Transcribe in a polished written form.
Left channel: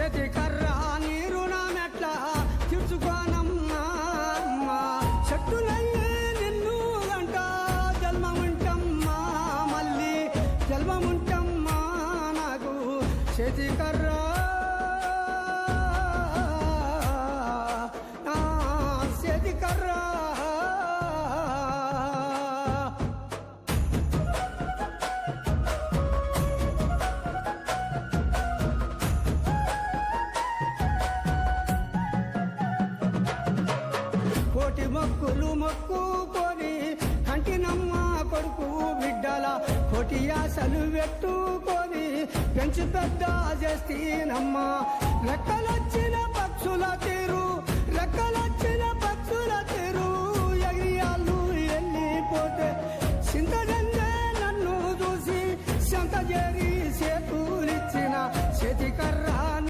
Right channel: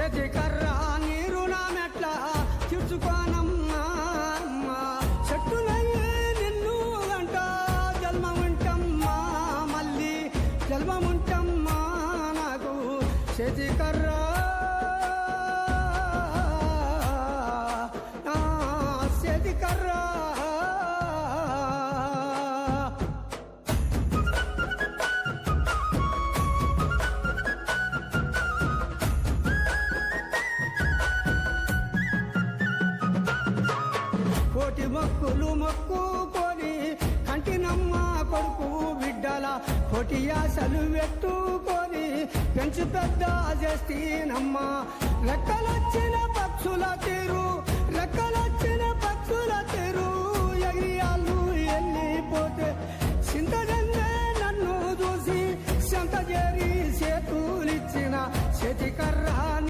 చేతికర్ర నీరు నా మెట్ల తీర్చుకోనమ్మా చెట్టునయ్యే నిన్ను గంట జన్మముంటమ్మా మళ్ళీ జన్మముంటమ్మా నాకు చేతికర్ర చేతికర్ర కోటి మొక్కులు మొక్కుకొని కంటినమ్మ కొడుకు బిడ్డల కోటి యాసలు పెట్టుకొని పెంచి పెద్ద చేస్తీనమ్మా రెక్కలొచ్చిన పక్షుల తీరు రెక్కలొచ్చిన పక్షుల తీరు ఎగిరియాళ్ళు వెళ్ళిపోతే చింతజందే నన్ను చూసి సంత చేరి చేతులిచ్చిన చేతికర్ర